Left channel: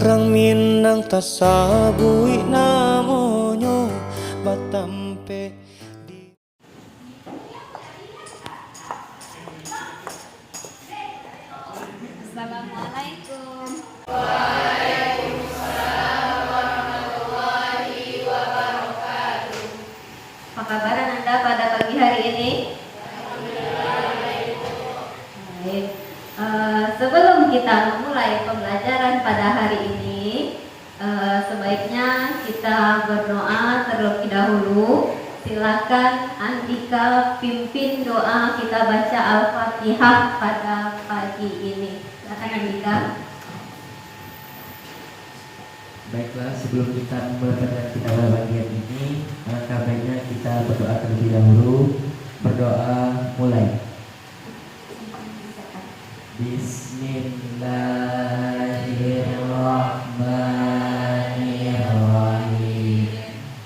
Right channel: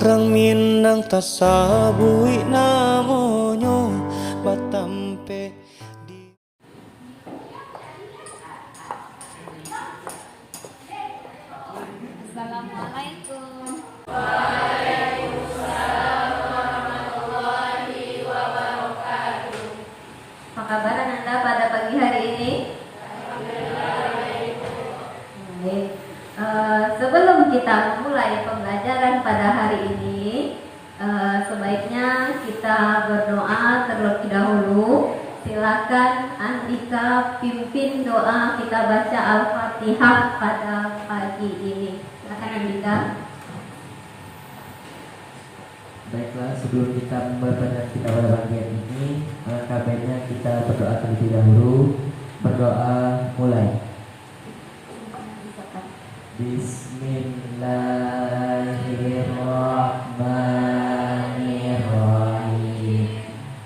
Rang minang tasabui namonyo batampe di. Assalamualaikum. Apa kabar Anda pada pagi hari ini? Baik. Sebelum kita mulai pembelajaran pada hari ini, sebaiknya kita berdoa terlebih dahulu. Silakan Andika pimpin doa kita baca Al-Fatihah pada pagi ini. Silakan Andika. Baiklah, sebelum kita memulai kita pada bagian ini, kabarnya kita berdoa terlebih dahulu. Berdoa mulai. Bismillahirrahmanirrahim.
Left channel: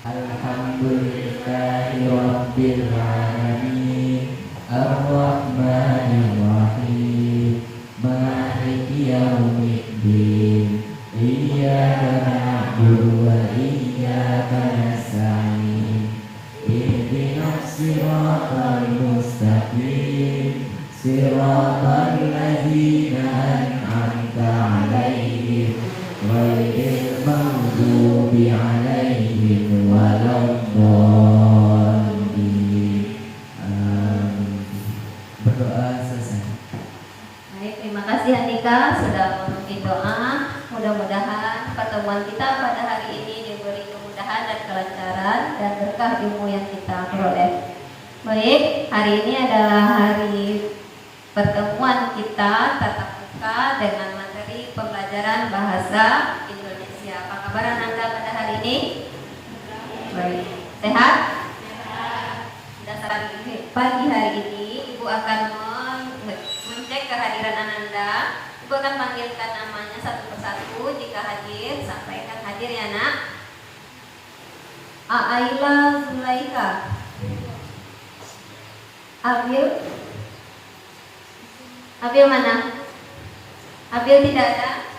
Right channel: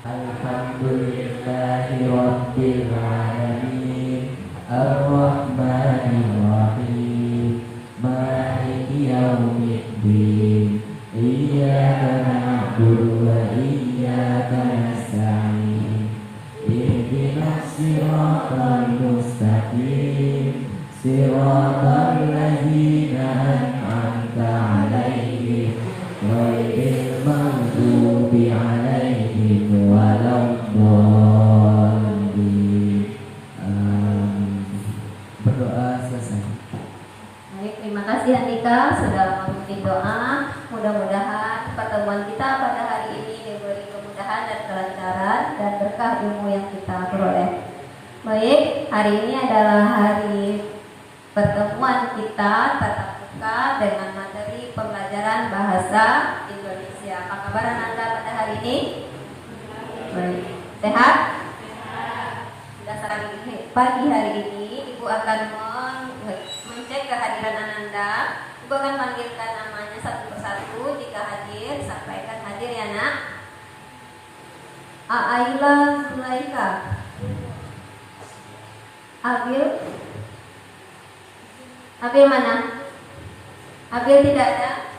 Alhamdulillahirabbil alamin. Arrahmanirrahim. Maliki yaumiddin. Iyyaka na'budu wa iyyaka nasta'in. Ihdinas siratal mustaqim. Siratal ladzina an'amta 'alaihim ghairil maghdubi 'alaihim waladdallin. Berdoa selesai. Baik, terima kasih Andika sudah memimpin doa. Mudah-mudahan pertemuan kita pada hari ini diberi kemudahan dan kelancaran dan berkah ilmu yang kita peroleh. Baik, hari ini adalah hari pertemuan kita tatap muka dengan materi pembelajaran bahasa Indonesia. Apa kabar Anda pada hari ini? Baik, sehat? Sudah pagi hari ini Ibu akan mengecek kehadiran Anda. Ibu akan panggilkan namanya satu persatu. Jika hadir, sampaikan hadir ya nak. Aila Zulaika. Abil mana? Abil tidak ada?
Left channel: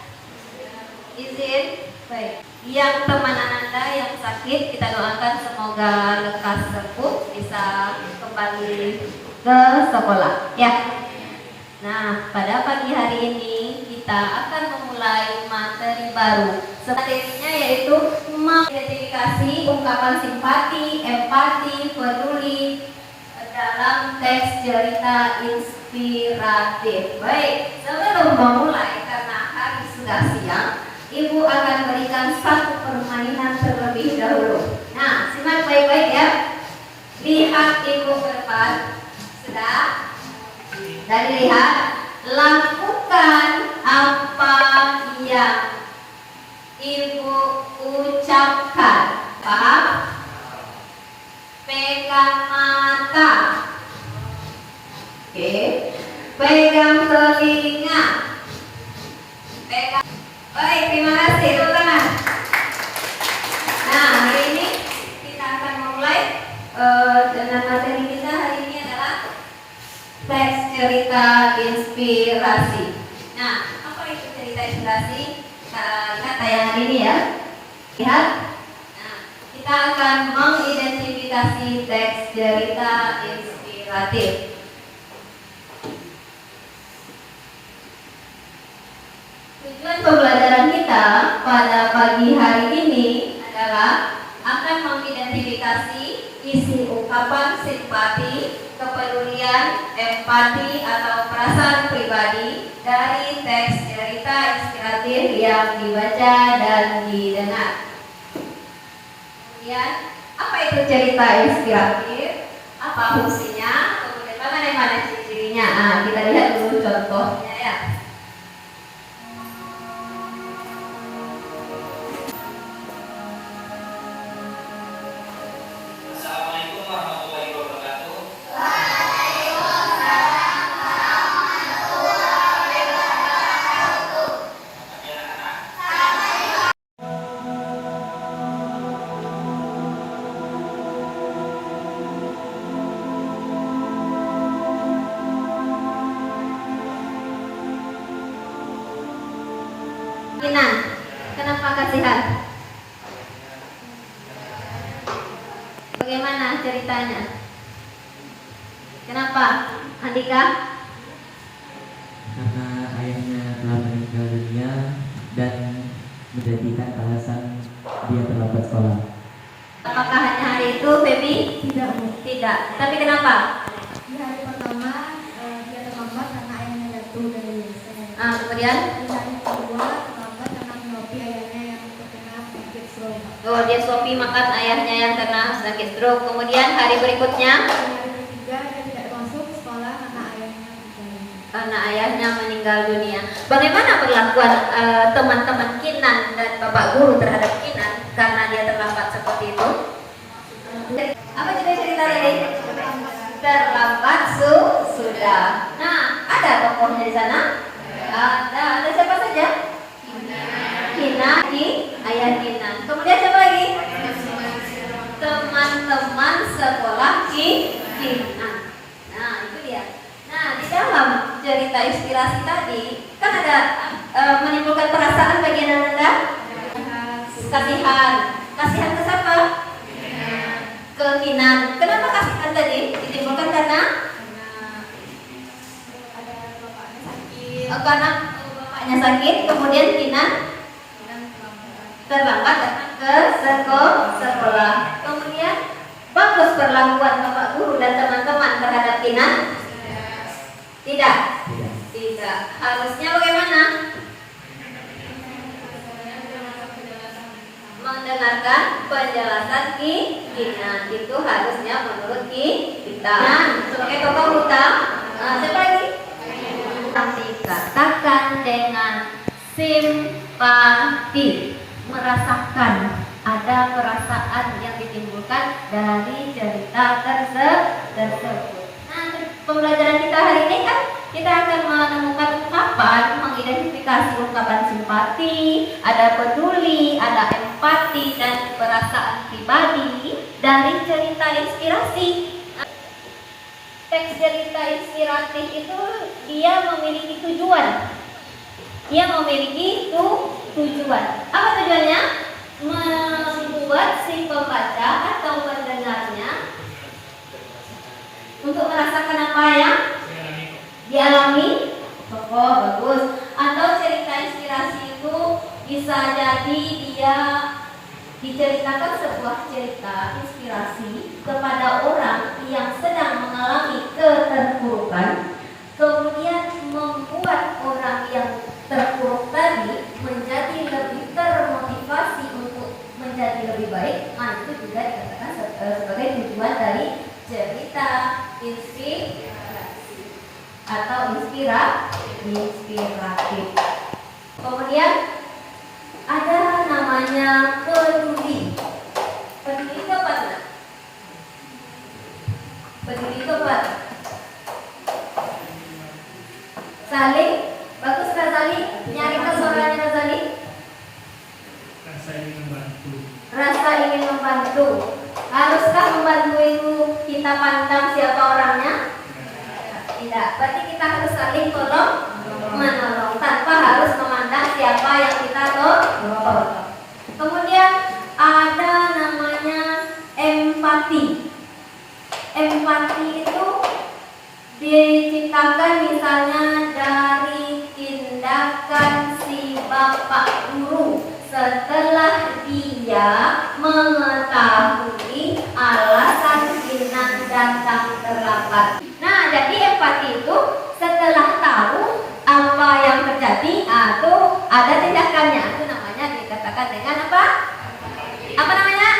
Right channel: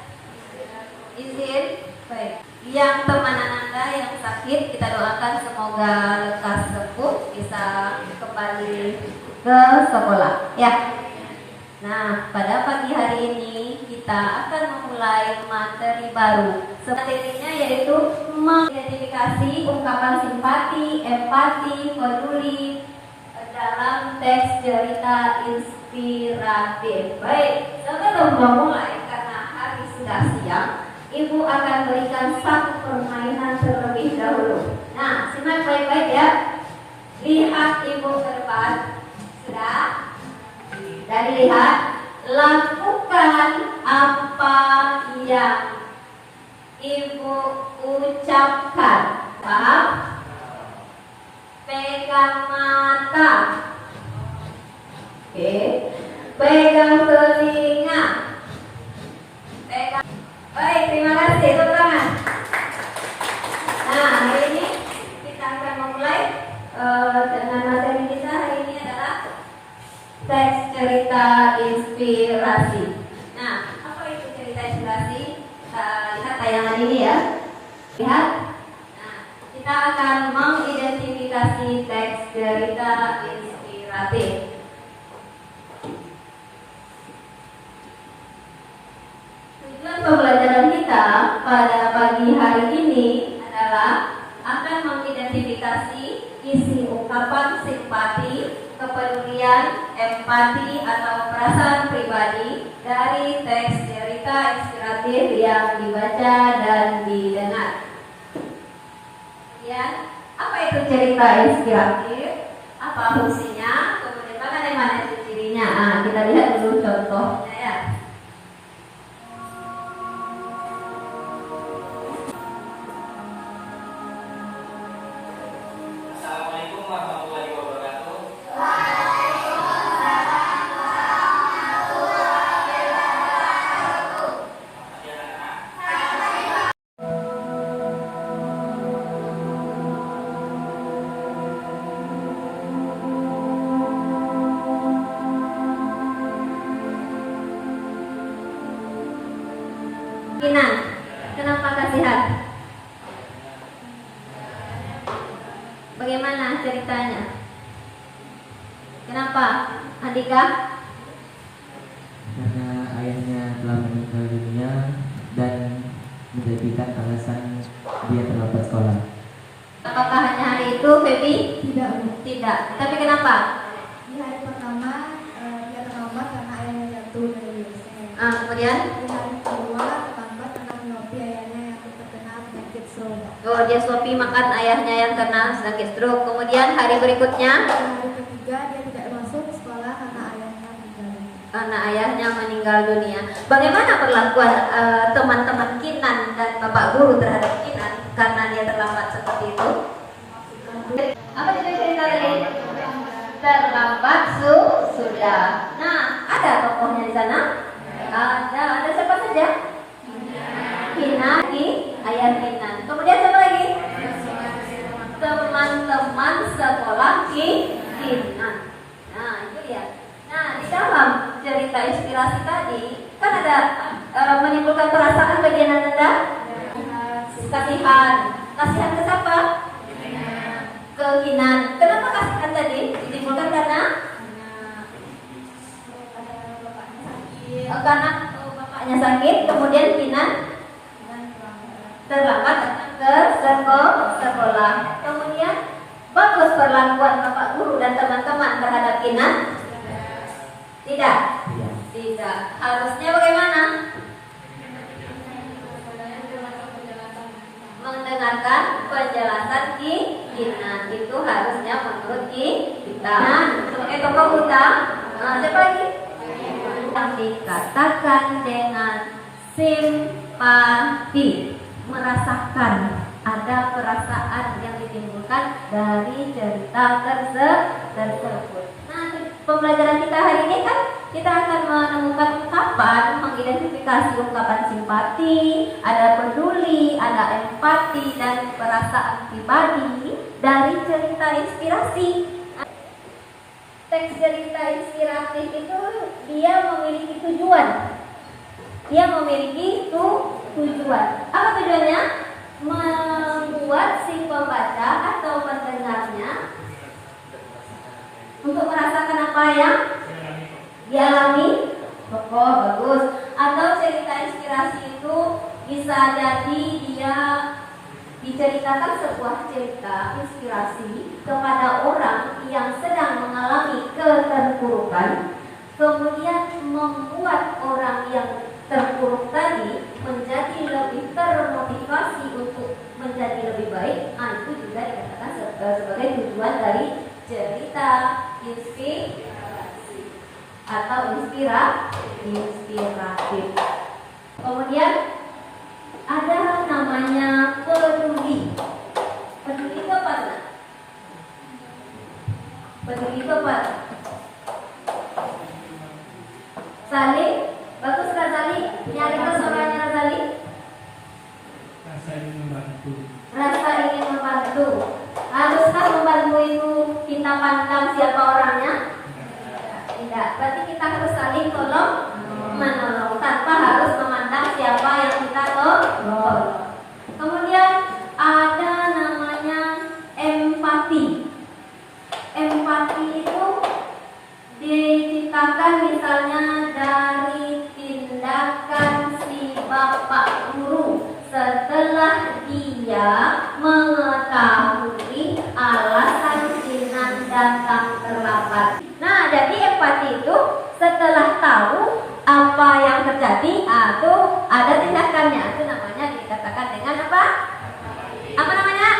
Izin? Baik. Yang teman Anda yang sakit, kita doakan semoga lekas sembuh, bisa kembali ke sekolah ya. Nah, pada pagi hari ini kita akan memulai materi baru. Materinya yaitu mengidentifikasi ungkapan simpati, empati, peduli dalam teks cerita inspiratif. Baik, sebelum memulai karena hari sudah siang, Ibu akan berikan satu permainan terlebih dahulu. Nah, simak baik-baik ya. Lihat Ibu ke depan. Sudah? Dan lihat, lakukan apa yang Ibu ucapkan. Paham? Pegang mata. Oke. Pegang telinga. Pegang. Baik, terima kasih teman-teman. Nah, hari ini kita akan memulai dengan materi kita hari ini adalah teks cerita inspirasi. Nah, apa itu cerita inspirasi? Kita lihat tayangan ini ya. Lihat. Nah, kita akan mengidentifikasi teks cerita inspiratif. Tujuan pembelajaran kita pada pagi hari ini adalah akan mengidentifikasi isi ungkapan simpati, kepedulian, empati atau perasaan pribadi dari teks cerita inspiratif yang dibaca dan didengar. Kemudian, apa itu cerita inspiratif? Apa fungsinya? Kemudian bagaimana ciri-cirinya? Nah, kita lihat dulu contohnya ya. Assalamualaikum warahmatullahi wabarakatuh. Pagi anak-anak. Nah, Kenapa kasihan? Bagaimana ceritanya? Kenapa, Andika? Karena ayahnya telah meninggal dunia dan menjadikan alasan dia terlambat sekolah. Apakah hanya hari itu, Feby? Tidak. Tidak. Tapi kenapa? Di hari pertama dia terlambat karena ayahnya jatuh dari WC. Kemudian? Di hari kedua terlambat karena melobi ayahnya yang terkena penyakit stroke. Oh, dia suapi makan ayahnya yang kena sakit stroke. Kemudian hari berikutnya? Di hari ketiga dia tidak masuk sekolah karena ayahnya meninggal. Karena ayahnya meninggal dunia. Bagaimana perlakuan teman-teman Kinan dan Bapak Guru terhadap Kinan karena dia terlambat seperti itu? Apa judul cerita tadi? Terlambat sudah. Nah, ada tokohnya di sana? Ada siapa saja? Kinan, ayah Kinan. Kemudian siapa lagi? Teman-teman sekolah Kinan. Nah, itu dia. Nah, di dalam cerita inspirasi tadi kan ada menimbulkan perasaan bagi anak-anak. Kasihan. Kasihan ke siapa? Ke Kinan. Kenapa kasihan tadi? Ditimbulkan karena karena bapaknya sakit, kemudian Kinan terlambat datang ke sekolah. Kemudian bagus perlakuan Bapak Guru dan teman-teman terhadap Kinan? Tidak. Tidak. Harusnya bagaimana? Mendengarkan penjelasan Kinan. Itu harusnya menurut kita. Nah, sebagai tokoh utama, siapa lagi? Dikatakan dengan simpati, merasakan, ada perasaan yang ditimbulkan dari cerita tersebut. Nah, pembelajaran kita hari ini kan kita akan menemukan ungkapan, mengidentifikasi ungkapan simpati, ada peduli, ada empati dan perasaan pribadi dari cerita inspirasi. Teks cerita inspiratif itu dia memiliki tujuan. Dia memiliki tujuan. Apa tujuannya? Membuat si pembaca atau pendengarnya untuk merasakan apa yang dialami tokoh bagus. Atau cerita inspirasi itu bisa jadi dia diceritakan sebuah cerita inspirasi kepada orang yang sedang mengalami keterpurukan, kemudian membuat orang yang terpuruk tadi menjadi lebih termotivasi untuk menjadi lebih baik. Itu juga dikatakan sebagai tujuan dari cerita inspirasi atau inspiratif. Kemudian ada namanya peduli. Peduli itu apa? Peduli itu apa? Saling. Bagus kan Saling? Nyarikan suaranya Saling. Rasa ingin membantu. Rasa ingin membantu. Haruskah membantu itu kita pandang siapa orangnya? Tidak. Berarti kita harus saling tolong menolong tanpa harus memandang siapa yang kita tolong. Kemudian ada namanya empati. Empati itu diciptakan misalnya dari tindakan si bapak guru setelah dia mengetahui alasan Kinan datang terlambat. Nah, jadi empati itu setelah tahu apa yang terjadi atau ada tindakannya, itu namanya dikatakan dengan apa? Apa namanya?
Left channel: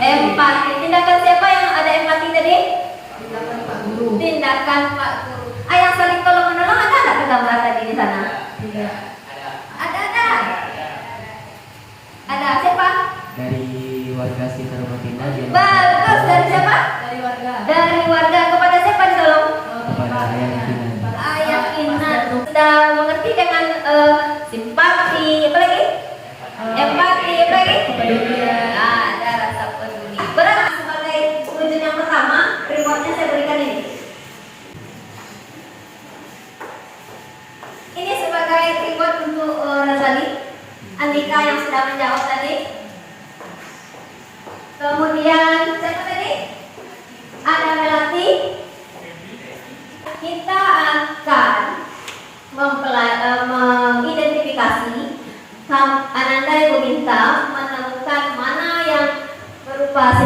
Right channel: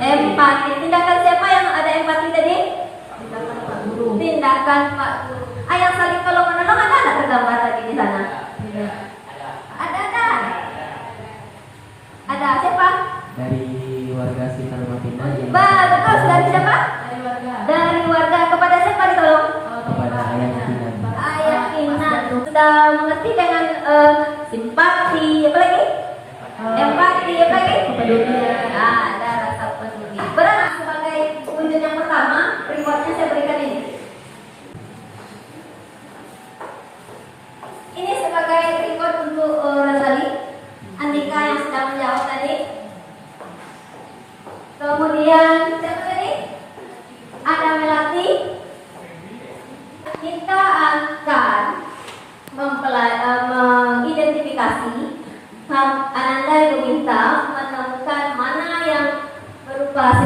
Empati. Tindakan siapa yang ada empati tadi? Tindakan Pak Guru. Ayah saling tolong menolong ada tergambar tadi di sana? Tidak. Ada. Ada siapa? Dari warga sekitar rumah kita. Bagus, dari siapa? Dari warga. Dari warga. Kepada siapa ditolong? Kepada ayah Kinan. Ayah Kinan. Sudah mengerti dengan simpati, apa lagi? Empati, apa lagi? Peduli. Ada rasa peduli. Berat sebagai wujud yang pertama, rewardnya saya berikan ini. Ini sebagai reward untuk Razali, Andika yang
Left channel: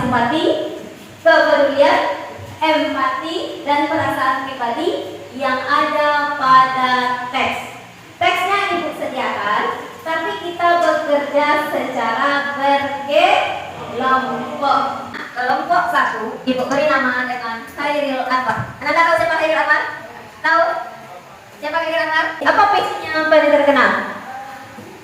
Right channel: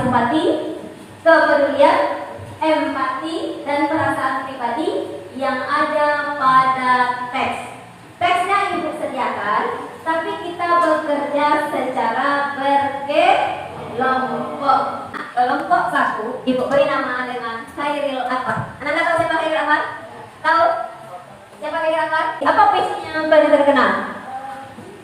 simpati, kepedulian, empati, dan perasaan pribadi yang ada pada teks. Teksnya Ibu sediakan, tapi kita bekerja secara berkelompok. Kelompok 1, Ibu beri nama dengan Khairil Anwar. Anda tahu siapa Khairil Anwar? Tahu? Siapa Khairil Anwar? Apa passionnya yang paling terkenal?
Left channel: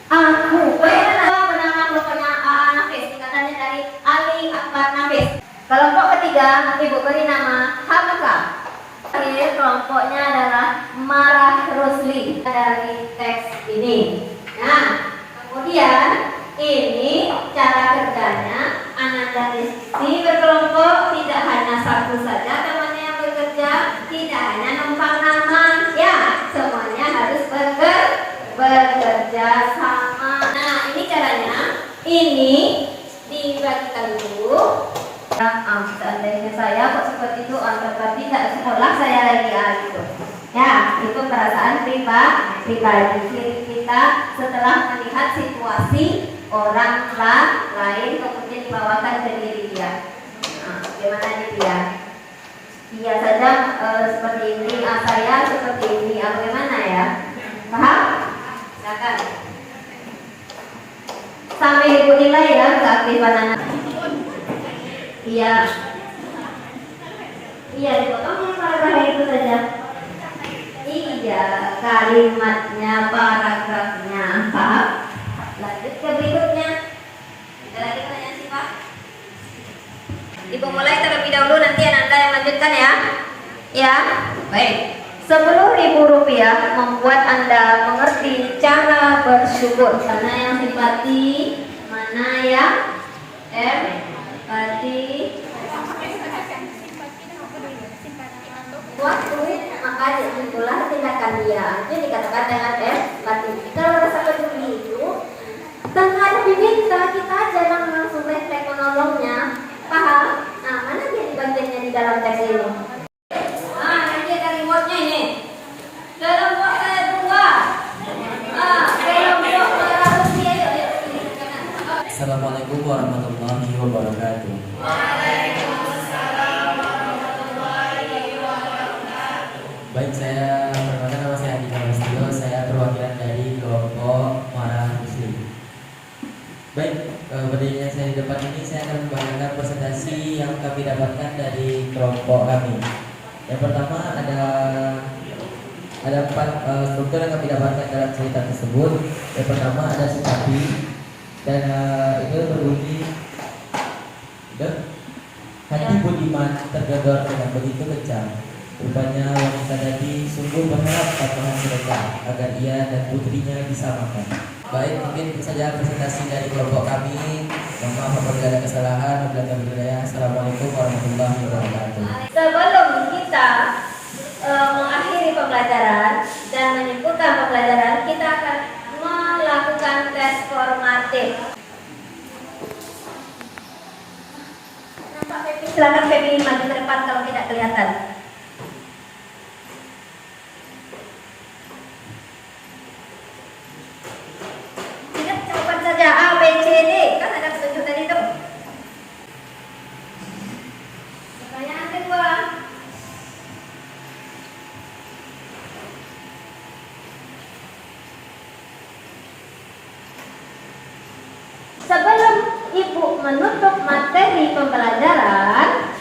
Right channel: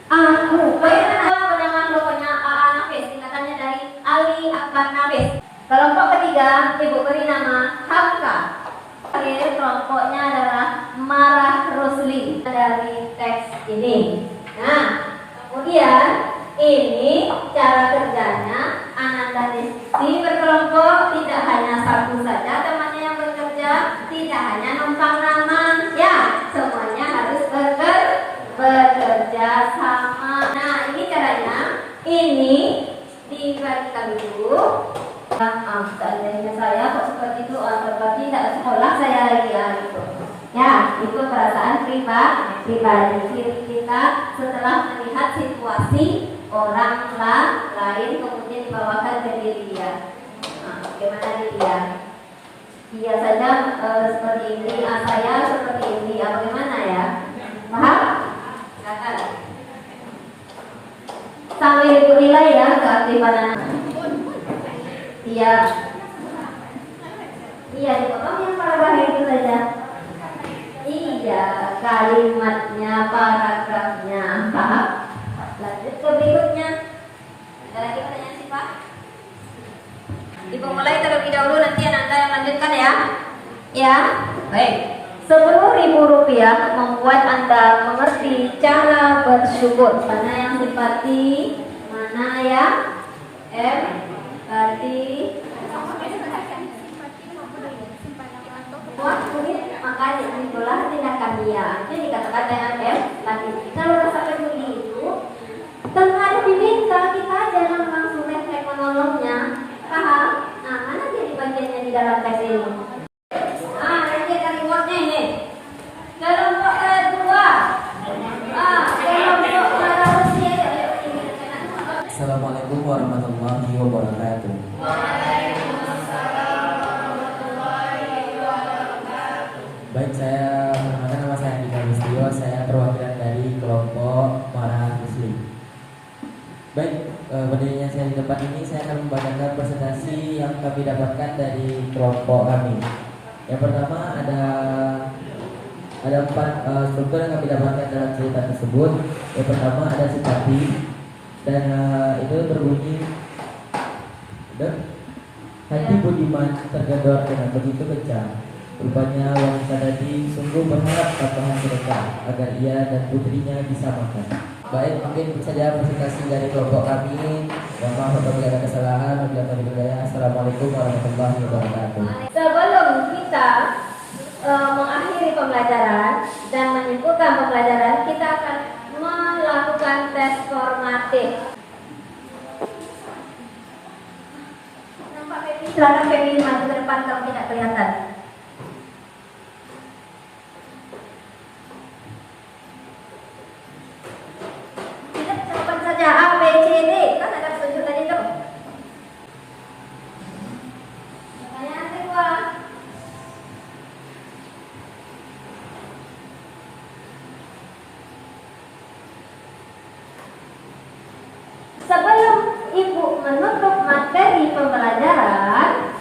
Aku. Bagaimana menanam kelompoknya AA Nafis? Singkatannya dari Ali Akbar Nafis. Kelompok ketiga, Ibu beri nama Hamka. Kelompoknya adalah Marah Rusli dari teks ini. Nah, kemudian ini cara kerjanya. Ananda Rizky berkelompok, tidak hanya satu saja temannya yang bekerja, tidak hanya numpang naman, ya semuanya harus bekerja sama. Nah, ini caranya. Ini dibagikan dulu. Seandainya saya kok seperti itu, berarti tidak sekolah saya lagi gitu. Ya, itu perasaan pribadi kita setelah melihat situasi orang lain kemudian dibawakan ke diri dia. Nah, bagaimana dia? Dia saja seperti ini, saya seperti ini. Bagaimana ya? Paham? Silakan. Sampai Ibu nilai ya keaktifan anak. Iya. Iya, dipotongnya paragraf itu saja. Iya, kalimatnya, paragrafnya, paham? Lanjut ke berikutnya. Ada lagi pertanyaan sih Pak? Ibu mulai terlebih dahulu, nanti Ananda yang lanjutkan ya. Ya, baik. Rp10.000 membuat Anda mengerti cara bersyukur. Mana yang simpati, mana yang empati. Makanya itulah tindakan dia. Itu dikatakan dengan empati. Kalau rasa peduli itu tanpa ada diminta, kita jangan langsung refleks menolongnya. Paham? Nah, mana dia di bagiannya di dalam teks ini? Nah, nanti ada remote-nya ini. Kelompok kedua. Kelompok manusia. Assalamualaikum warahmatullahi wabarakatuh. Baik, saya perkenalkan, nama saya Andika Listio. Saya perwakilan dari kelompok Marah Muslim. Baik, berdirinya saya di depan ini, saya akan membagikan presentasi yang kami dapatkan dari kelompok kami. Yang pertama ada 4 struktur yang kami dapatkan dalam cerita tersebut. Yang pertama ada simpati, dan itu berbunyi, hati budiman tergedor dengan begitu kencang. Rupanya wanita tadi sungguh berharap patuhan sedekah agar ia dan putrinya disamakan. Baik, mungkin itu saja presentasi dari kelompok kami. Mohon maaf apabila ada kesalahan. Assalamualaikum warahmatullahi wabarakatuh. Sebelum kita mengakhiri pembelajaran dan menyimpulkan pembelajaran, kita akan melakukan tes formatif. Nampak Feby? Silakan Feby maju ke depan kalau tidak kelihatan. Tidak, jawaban saja A, B, C, D. Kan ada petunjuk tadi itu. Pertanyaan kedua. Sebelum Ibu menutup materi pembelajaran,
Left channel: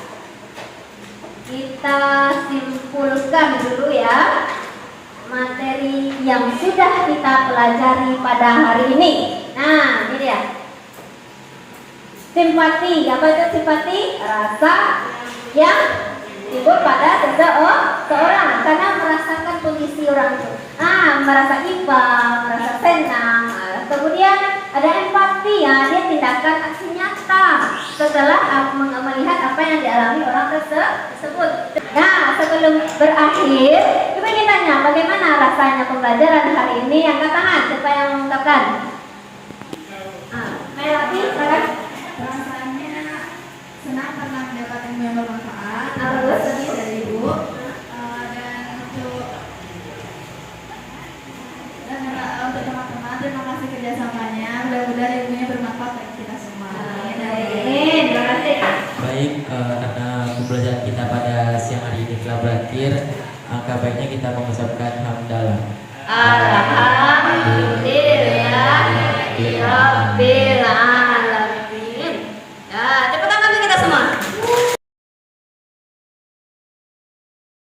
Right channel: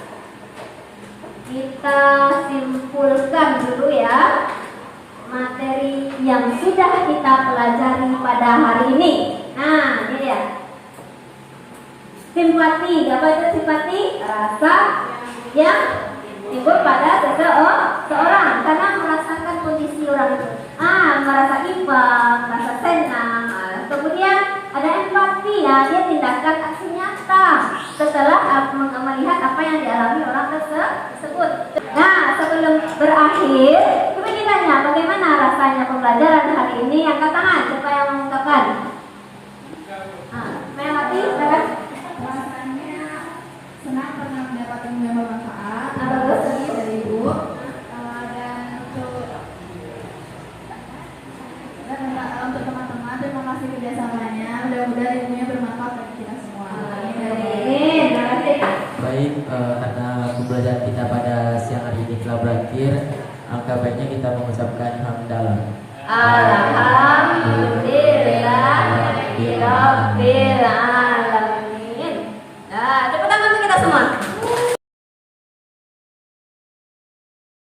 kita simpulkan dulu ya materi yang sudah kita pelajari pada hari ini. Nah, ini dia. Simpati, apa itu simpati? Rasa yang timbul pada seseorang karena merasakan kondisi orang itu. Merasa iba, merasa senang. Kemudian ada empati ya, dia tindakan aksi nyata setelah melihat apa yang dialami orang tersebut. Nah, sebelum berakhir, coba kita tanya bagaimana rasanya pembelajaran hari ini. Angkat tangan, siapa yang mengungkapkan? Melati, silakan. Rasanya senang karena mendapat ilmu yang bermanfaat. Terus? Dari Ibu. Untuk teman-teman, terima kasih kerjasamanya. Mudah-mudahan ilmunya bermanfaat bagi kita semua. Terima kasih. karena pembelajaran kita pada siang hari ini telah berakhir, angka baiknya kita mengucapkan hamdalah.